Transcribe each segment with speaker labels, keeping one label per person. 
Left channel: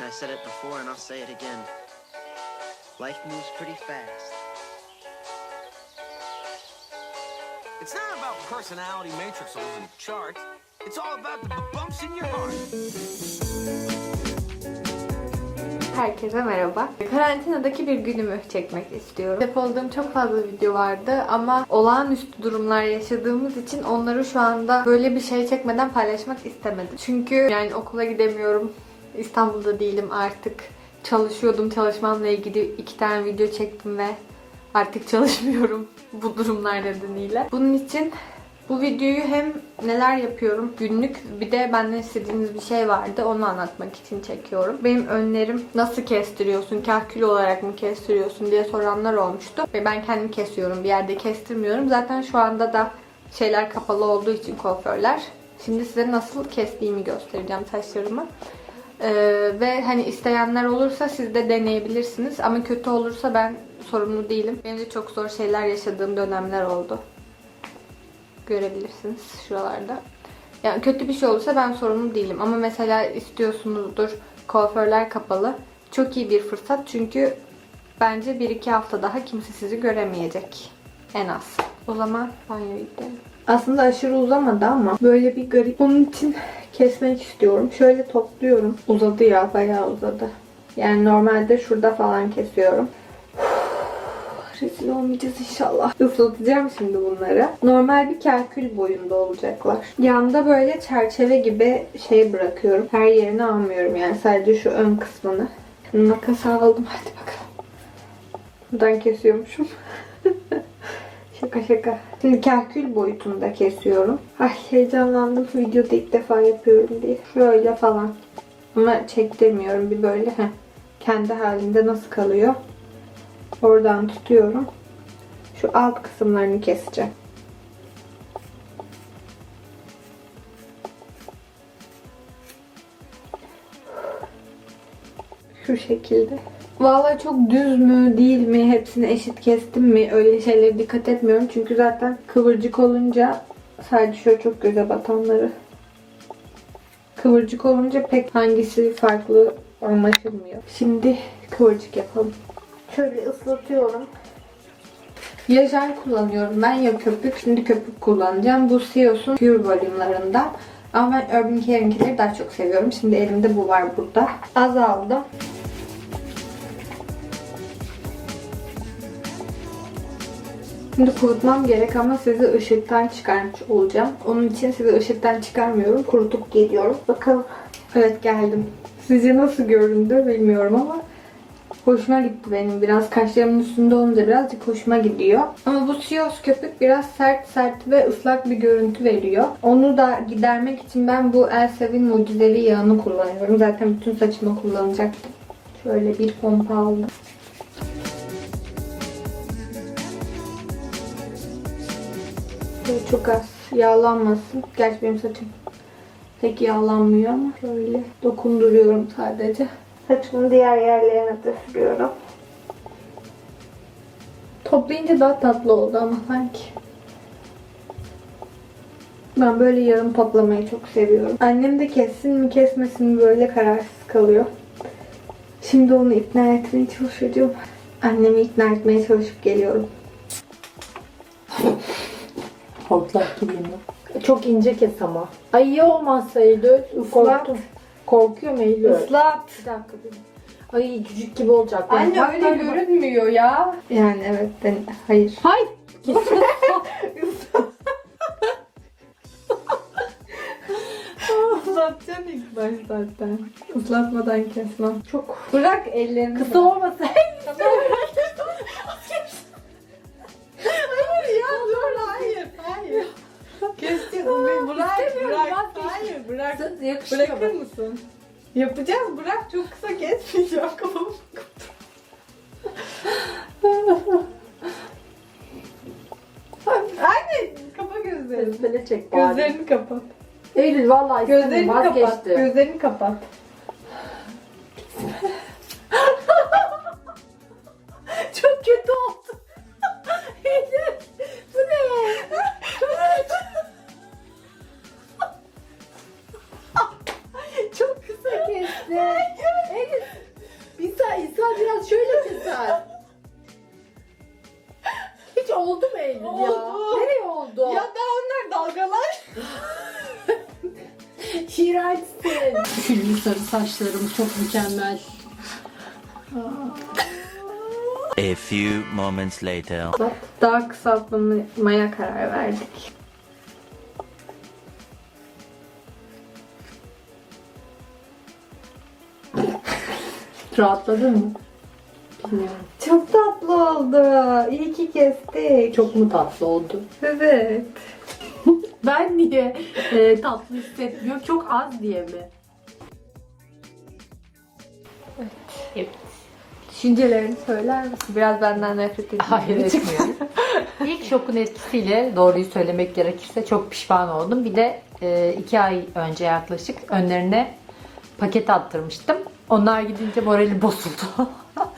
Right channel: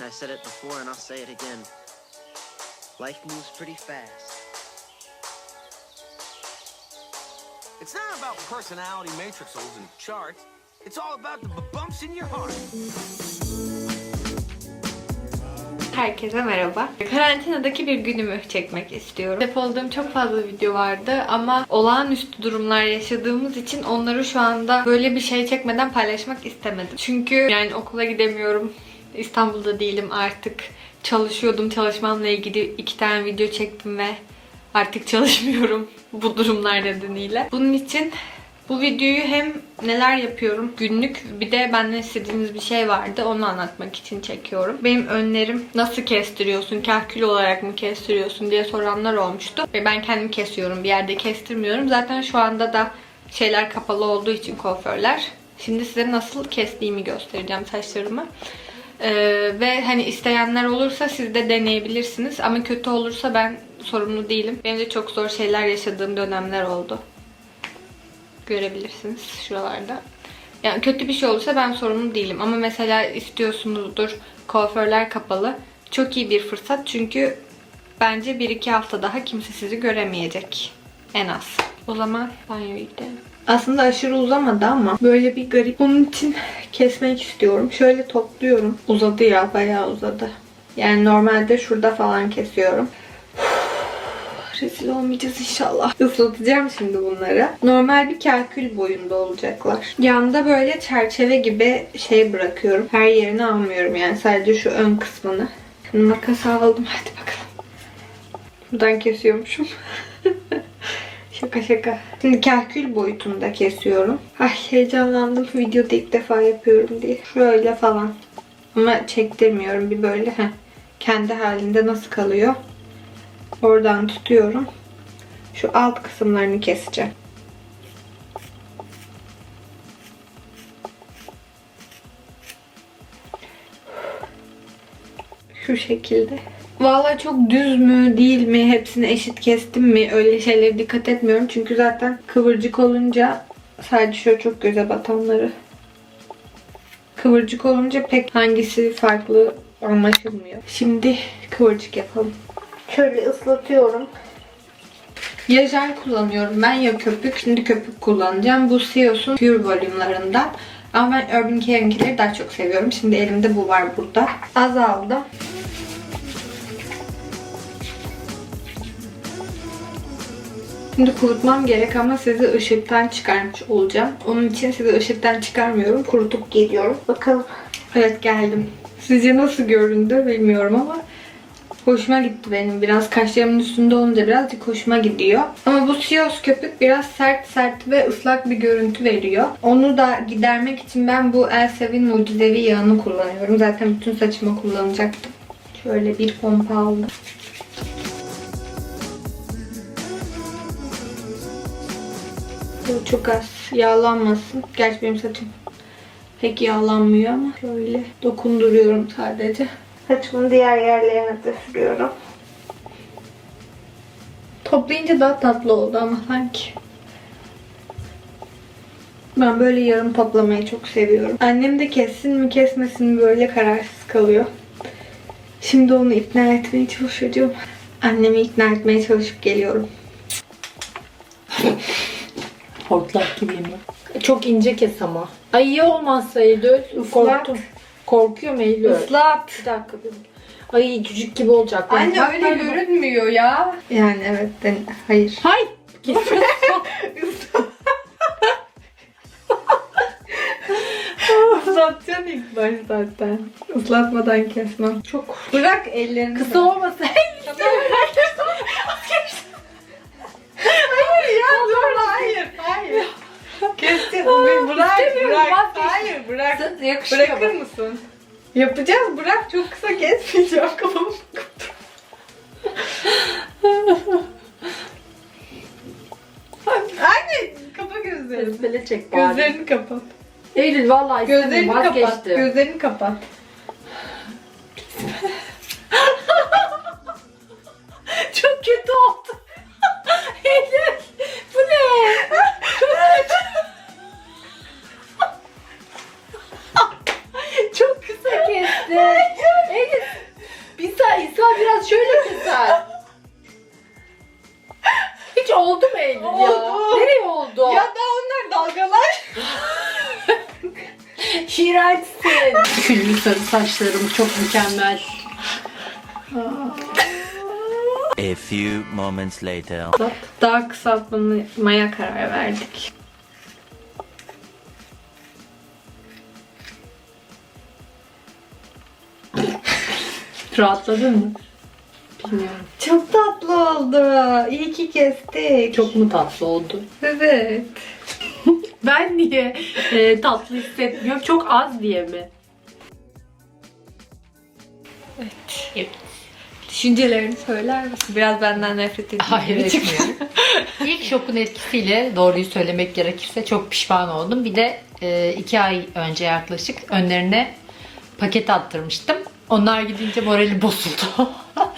Speaker 1: I said it before and I'll say it again. Life moves pretty fast.
Speaker 2: It's not about personality matrixels and charts. It's all about the bumps in your heart.
Speaker 3: Herkese merhaba. Karantinadaki bir günümü çekmek istiyorum. Depoladığım çok fazla video vardı ama olağanüstü durumlar yaşadığımız için onları şu anda böyle bir şey çekmeden paylaşmak istemedim. Çünkü yani okula gidemiyorum. İstanbul'da değilim artık. Çalışıyordum. Çalışmamla ilgili iki tane video çektim ve artık çalışmıyorum bu durumlar nedeniyle. Bunun için bu videoyu hem neler yapıyorum günlük bir de benden istediğiniz bir şey vardı onu anlatmak için çekiyorum. Benim önlerim nasıl kestiriyorsun, kahkül olarak mı kestiriyorsun diye soranlar olmuştu. Ve ben kendim kesiyorum bir yerde kestirmiyorum. Zaten şu anda da şeyler kapalı olduğu için kuaförler. Şimdi size nasıl kestiğimi göstereceğim saçlarımı. Ee, ve hani isteyenler olursa siz de deneyebilirsiniz. Ama kötü olursa ben sorumlu değilim. Benim de çok zor şeyler yaşadığım dönemler oldu görebilirsiniz şuralarda. Yani kötü bir şey olursa ben sorumlu değilim. Ama mesela istiyorsunuzdur kuaförler kapalı. Çok iyi bir fırsat çünkü bence 1-2 hafta daha kimse sizi göremeyecek. En az. O zaman banyoya gidelim. Aslında aşırı uzamadı ama böyle bir garip. Onun için kesmek istiyorum. Şöyle topluyorum. Uzadı ya bayağı uzadı. Yani normalde şurada falan kesiyorum. Rezil olmayacağız inşallah. Islatacağım şimdi bunları. Normal bir kalkül boyunda olacaklar. Yanında böyle çerçeve gibi şey bırakıyorum. Her yerini almıyorum yani sadece şu ön kısmını. Makas aldım. Hadi bakalım. Buradan kesiyormuşum. Şaka şaka. Şimdi kalkül boyutunda kesiyorum. Ay heyecanlandım. Videoda ilk defa yapıyorum diye. Şöyle falan. Ama çektirmiyorum bir böyle. Heh. Kendi halinde nasıl kalıyor? Oradan tutuyorum. Şu alt kısımlarını keseceğim. Şu şekilde. Vallahi çok düz mü değil mi hepsini eşit kestim mi öyle şeylere dikkat etmiyorum. Çünkü zaten kıvırcık olunca sadece şöyle çok göze batanları. Kıvırcık olunca pek hangisi farklı anlaşılmıyor. Şimdi kıvırcık yapalım. Şöyle ıslatıyorum. Ya jel kullanıyorum ben ya köpük. Şimdi köpük kullanacağım. Bu Sios'un Pure volümlerinden. Ama ben Urban Care'inkileri daha çok seviyorum. Şimdi elimde bu var burada. Az Şimdi kurutmam gerek ama sizi ışıktan çıkarmış olacağım. Onun için sizi ışıktan çıkarmıyorum. Kurutup geliyorum. Bakalım. Evet geldim. Sizce nasıl göründü bilmiyorum ama Hoşuma gitti benim. Biraz kaşlarımın üstünde olunca birazcık hoşuma gidiyor. Ama bu Sios köpük biraz sert sert ve ıslak bir görüntü veriyor. Onu da gidermek için ben bu Elsevin mucizevi yağını kullanıyorum. Zaten bütün saçıma kullanacaktım. Şöyle bir pompa aldım. Çok az yağlanmasın. Gerçi benim saçım pek yağlanmıyor ama şöyle dokunduruyorum sadece. Saçımın diğer yerlerine de sürüyorum. Toplayınca daha tatlı oldu ama sanki. Ben böyle yarım toplamayı çok seviyorum. Annem de kessin mi kesmesin mi böyle kararsız kalıyor. Şimdi onu ikna etmeye çalışacağım. Annemi ikna etmeye çalışıp geliyorum.
Speaker 4: Hortlak gibiyim ben. Çok ince kes ama. Ay iyi olmazsa Eylül. Korktum. Korkuyorum Eylül.
Speaker 3: Islat.
Speaker 4: Bir dakika dur. Ay cücük gibi olacak. Ben
Speaker 3: Anne
Speaker 4: bak-
Speaker 3: öyle görünmüyor ya. Yani evet. Ben, hayır.
Speaker 4: Hay.
Speaker 3: Islatacaksın ilk baş zaten. Islatmadan kesmem. Çok. Bırak ellerini.
Speaker 4: Kısa olmasa.
Speaker 3: Bırak
Speaker 4: İstemiyorum,
Speaker 3: bırak.
Speaker 4: vazgeçtim.
Speaker 3: Hayır bırak.
Speaker 4: Yakışıyor
Speaker 3: Bırakır
Speaker 4: bak.
Speaker 3: mısın? Yapacağız bırak çok kısa kesmeyeceğim kafamı. Anne kapa gözlerini.
Speaker 4: Çek bari.
Speaker 3: Gözlerini kapat.
Speaker 4: Eylül vallahi
Speaker 3: Gözlerini
Speaker 4: istemiyorum
Speaker 3: kapat.
Speaker 4: vazgeçtim.
Speaker 3: Gözlerini kapat.
Speaker 4: Çok kötü oldu. Eylül sarı saçlarım çok mükemmel.
Speaker 5: A few moments later.
Speaker 3: Daha kısaltmaya karar verdik.
Speaker 4: Rahatladın mı? Bilmiyorum.
Speaker 3: Çok tatlı oldu. İyi ki kestik.
Speaker 4: Çok mu tatlı oldu?
Speaker 3: Evet.
Speaker 4: Ben niye e, tatlı hissetmiyorum? Çok az diye mi? Evet.
Speaker 3: Düşüncelerini söyler misin? Biraz benden nefret ediyorum.
Speaker 4: Hayır etmiyorum. İlk şokun etkisiyle doğruyu söylemek gerekirse çok pişman oldum. Bir de e, iki ay önce yaklaşık önlerine paket attırmıştım. Onlar gidince morali bozuldu.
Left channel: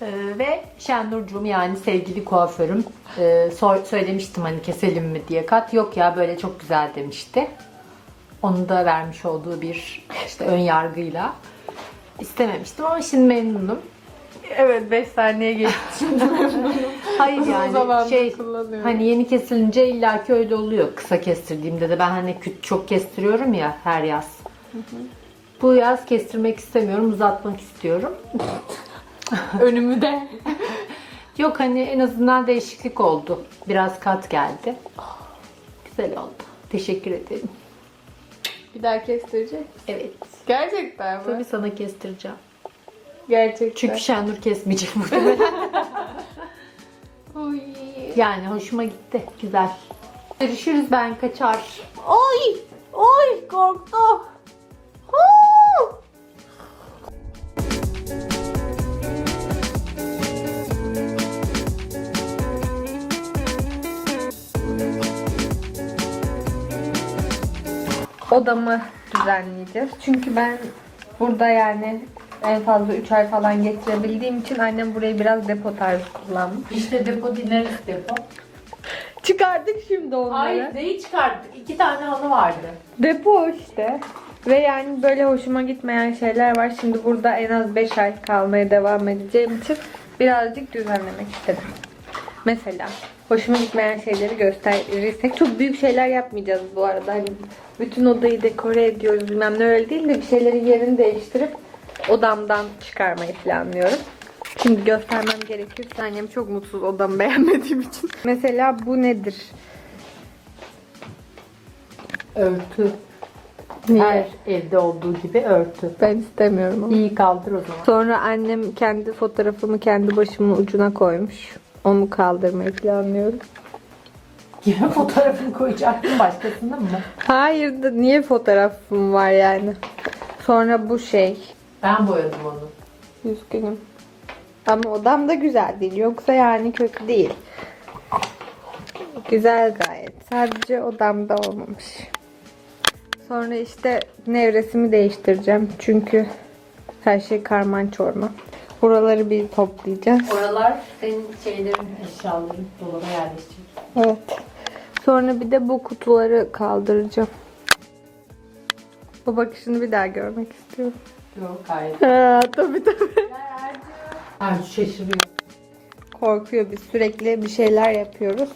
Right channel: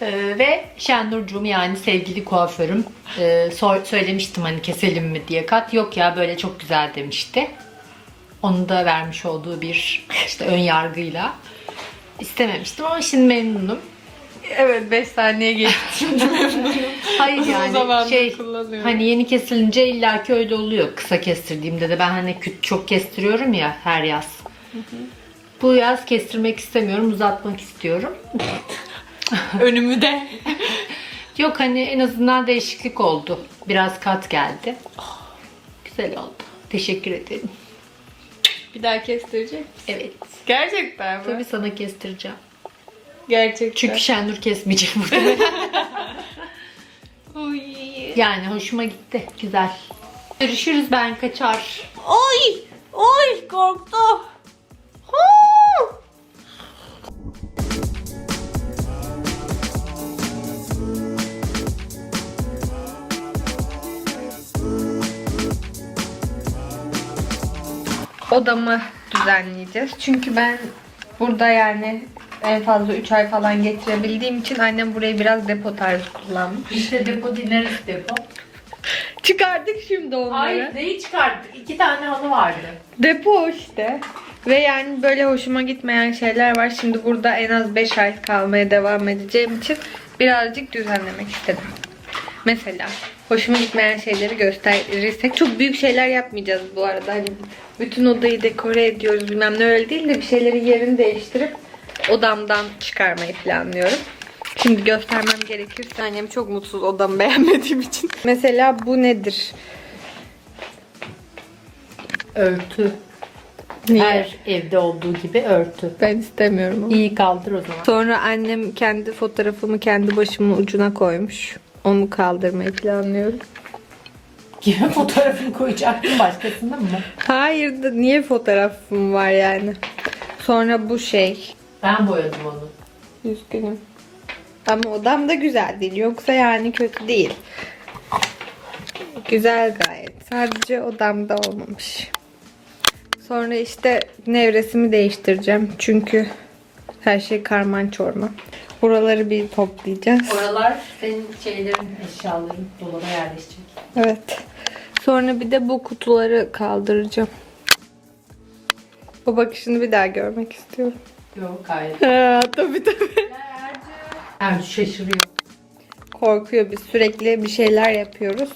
Speaker 4: E, ve Şenurcuğum yani sevgili kuaförüm e, sor- söylemiştim hani keselim mi diye kat. Yok ya böyle çok güzel demişti. Onun da vermiş olduğu bir işte ön yargıyla istememiştim ama şimdi memnunum.
Speaker 3: Evet 5 saniye geçti.
Speaker 4: Hayır yani şey hani yeni kesilince illaki öyle oluyor. Kısa kestirdiğimde de ben hani çok kestiriyorum ya her yaz. Bu yaz kestirmek istemiyorum, uzatmak istiyorum.
Speaker 3: Önümü de.
Speaker 4: Yok hani en azından değişiklik oldu. Biraz kat geldi. Güzel oldu. Teşekkür ederim.
Speaker 3: Bir daha kestirecek.
Speaker 4: Evet.
Speaker 3: Gerçekten mi?
Speaker 4: Tabii sana kestireceğim.
Speaker 3: Gerçekten.
Speaker 4: Çünkü Şenur kesmeyecek burada.
Speaker 3: Uy.
Speaker 4: yani hoşuma gitti. Güzel. Görüşürüz ben kaçar.
Speaker 3: Oy! Oy! Korktum. Odamı düzenleyeceğiz. Çünkü ben burada yani en fazla 3 ay falan geçirebildiğim için annem burayı biraz depo tarzı kullanmış.
Speaker 4: İşte depo dinleriz depo.
Speaker 3: Çıkardık şimdi onları.
Speaker 4: Hayır neyi çıkarttık? İki tane halı vardı.
Speaker 3: Depo işte. Ve yani böyle hoşuma gitmeyen şeyler var. Şimdi burada en az 5 ay kalmaya devam edeceğim için birazcık düzenlemek istedim. Mesela hoşuma gitmeyen şeyleri gösterirsek çok büyük şeyler yapmayacağız bu arada. Hani bütün odayı dekore ediyoruz bilmem ne öyle değil de bir şeylerin yerini değiştirip odamdan çıkarmayı planlıyorum. Şimdi göstermem gerekirse annem çok mutsuz odamı beğenmediğim için. Mesela bu nedir?
Speaker 4: Örtü.
Speaker 3: Niye?
Speaker 4: Her evde olduğu gibi örtü.
Speaker 3: Ben istemiyorum ama.
Speaker 4: İyi kaldır o zaman.
Speaker 3: Sonra annem kendi fotoğrafımı kendi başımın ucuna koymuş. Onu kaldırmayı planlıyorum.
Speaker 4: Kime fotoğrafını koyacaktın başkasının mı?
Speaker 3: Hayır da niye fotoğrafım var yani? Sonra bu şey.
Speaker 4: Ben boyadım onu.
Speaker 3: Üzgünüm. Ama odam da güzel değil. Yoksa yani kötü değil. Güzel gayet. Sadece odamda olmamış. Sonra işte nevresimi değiştireceğim. Çünkü her şey karman çorman. Buraları bir toplayacağız.
Speaker 4: Oralar senin şeylerin, eşyaların dolaba yerleşecek.
Speaker 3: Evet. Sonra bir de bu kutuları kaldıracağım. Bu bakışını bir daha görmek istiyorum.
Speaker 4: Yok gayet.
Speaker 3: Ha, tabii tabii.
Speaker 4: Ercü şaşırıyor.
Speaker 3: Korkuyor biz sürekli bir şeyler yapıyoruz.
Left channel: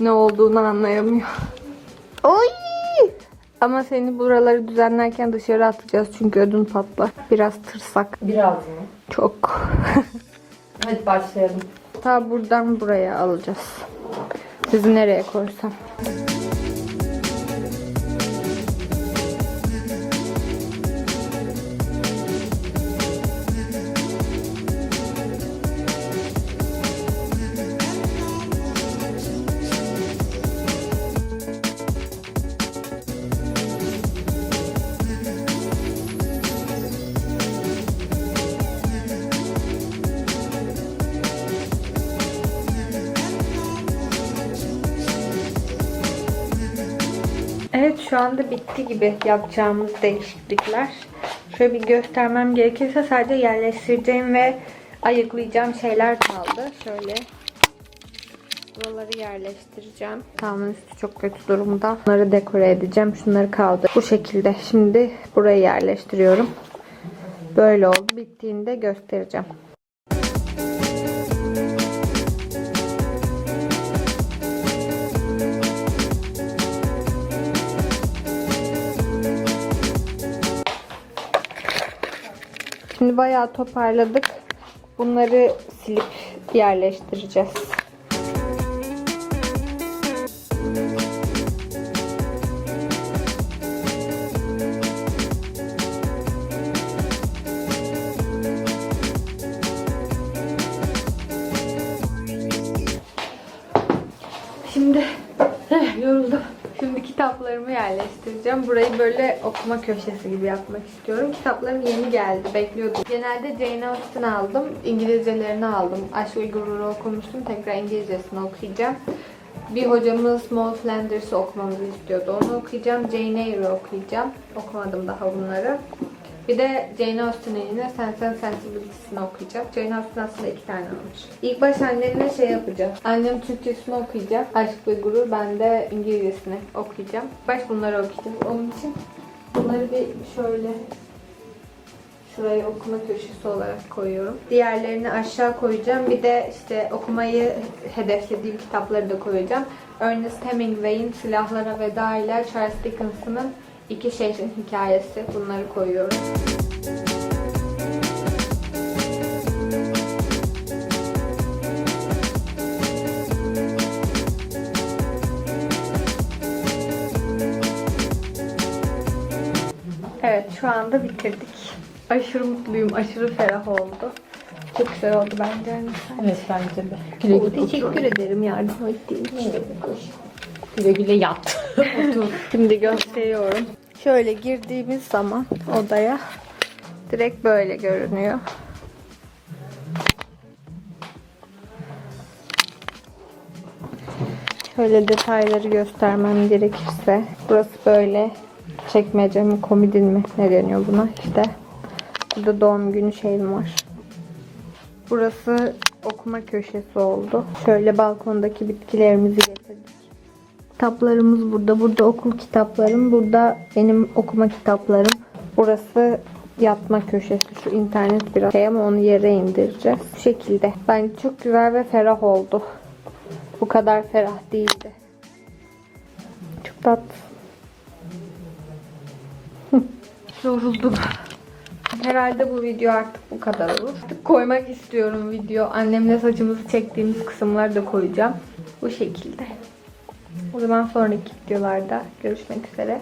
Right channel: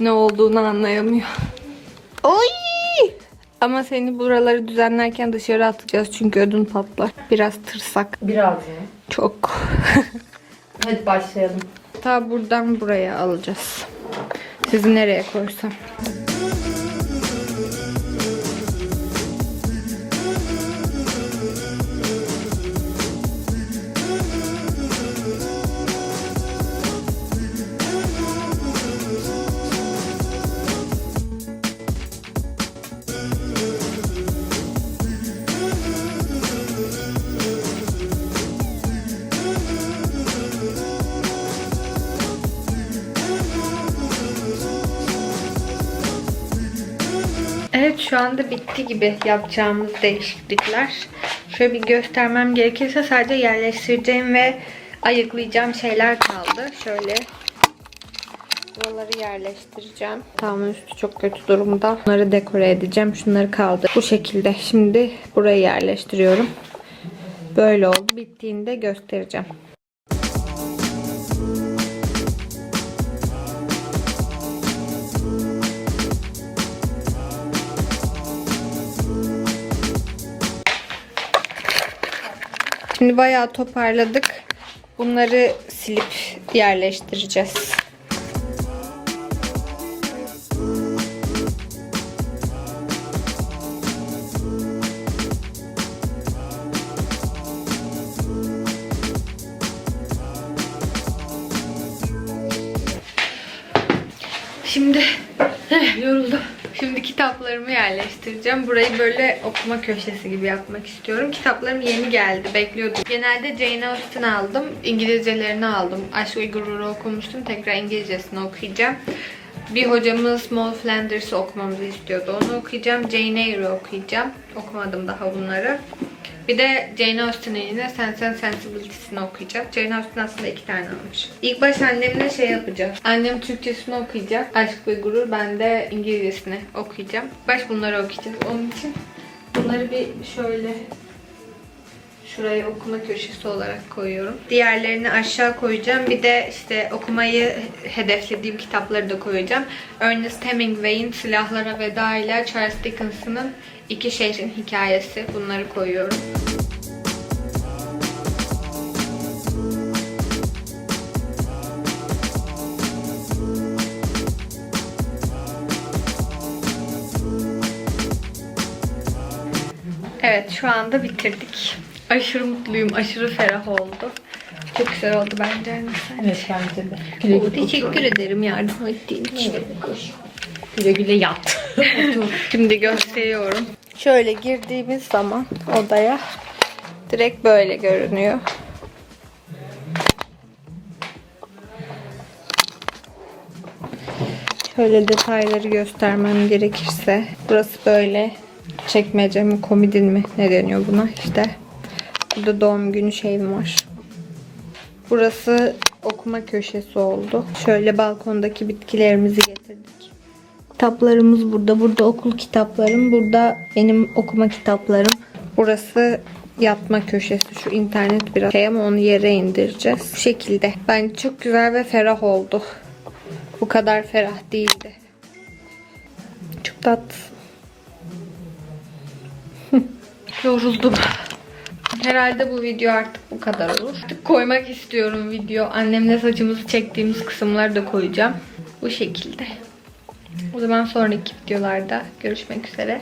Speaker 3: Ne olduğunu anlayamıyor. Oy! Ama seni buraları düzenlerken dışarı atacağız çünkü ödün patlar. Biraz tırsak.
Speaker 4: Biraz mı?
Speaker 3: Çok.
Speaker 4: Hadi başlayalım.
Speaker 3: Ta buradan buraya alacağız. Sizi nereye koysam? Şu anda bitti gibi yapacağımız değişiklikler. Şöyle bir göstermem gerekirse sadece yerleştireceğim ve ayıklayacağım şeyler kaldı. Şöyle buraları yerleştireceğim. Tamam üstü çok kötü durumda. Bunları dekore edeceğim. Şunları kaldı. Bu şekilde. Şimdi burayı yerleştiriyorum. Böyle oldu. Bittiğinde göstereceğim. Şimdi bayağı toparladık. Bunları silip yerleştireceğiz. Şimdi eh, yoruldum. Şimdi kitaplarımı yerleştireceğim. Burayı böyle okuma köşesi gibi yapmak istiyorum. Kitaplarım yeni geldi. Bekliyordum. Genelde Jane Austen aldım. İngilizcelerini aldım. Aşk ve Gurur'u okumuştum. Tekrar İngilizcesini okuyacağım. Bir hocamız Maud Flanders'ı okumamızı istiyordu. Onu okuyacağım. Jane Eyre'ı okuyacağım. Okumadım daha bunları. Bir de Jane Austen'in yine Sense and Sensibility'sini okuyacak. Jane Austen aslında iki tane almış. İlk baş annemle şey yapacağız. Annem Türkçesini okuyacak. Aşk ve Gurur. Ben de İngilizcesini okuyacağım. Baş bunları okuyacağız. Onun için bunları bir şöyle şuraya okuma köşesi olarak koyuyorum. Diğerlerini aşağı koyacağım. Bir de işte okumayı hedeflediğim kitapları da koyacağım. Ernest Hemingway'in Silahlara Veda ile Charles Dickens'ın İki Şehrin Hikayesi. Bunları koyuyorum. Evet şu anda bitirdik. Aşırı mutluyum. Aşırı ferah oldu. Çok güzel oldu bence. Anne, sen.
Speaker 4: Evet bence de. Güle
Speaker 3: Oo,
Speaker 4: güle,
Speaker 3: teşekkür ederim yardım ettiğin için.
Speaker 4: güle, güle yat.
Speaker 3: Şimdi gösteriyorum. Şöyle girdiğimiz zaman odaya direkt böyle görünüyor. Şöyle detayları göstermem gerekirse burası böyle çekmece mi komodin mi ne deniyor buna işte. Burada doğum günü şeyim var. Burası okuma köşesi oldu. Şöyle balkondaki bitkilerimizi getirdik. Kitaplarımız burada. Burada okul kitaplarım. Burada benim okuma kitaplarım. Burası yatma köşesi. Şu internet biraz şey ama onu yere indireceğiz. Bu şekilde. Bence çok güzel ve ferah oldu. Bu kadar ferah değildi. Çok tatlı. Yoruldum. Herhalde bu video artık bu kadar olur. Artık koymak istiyorum video. Annemle saçımızı çektiğimiz kısımları da koyacağım. Bu şekilde. O zaman sonraki videolarda görüşmek üzere.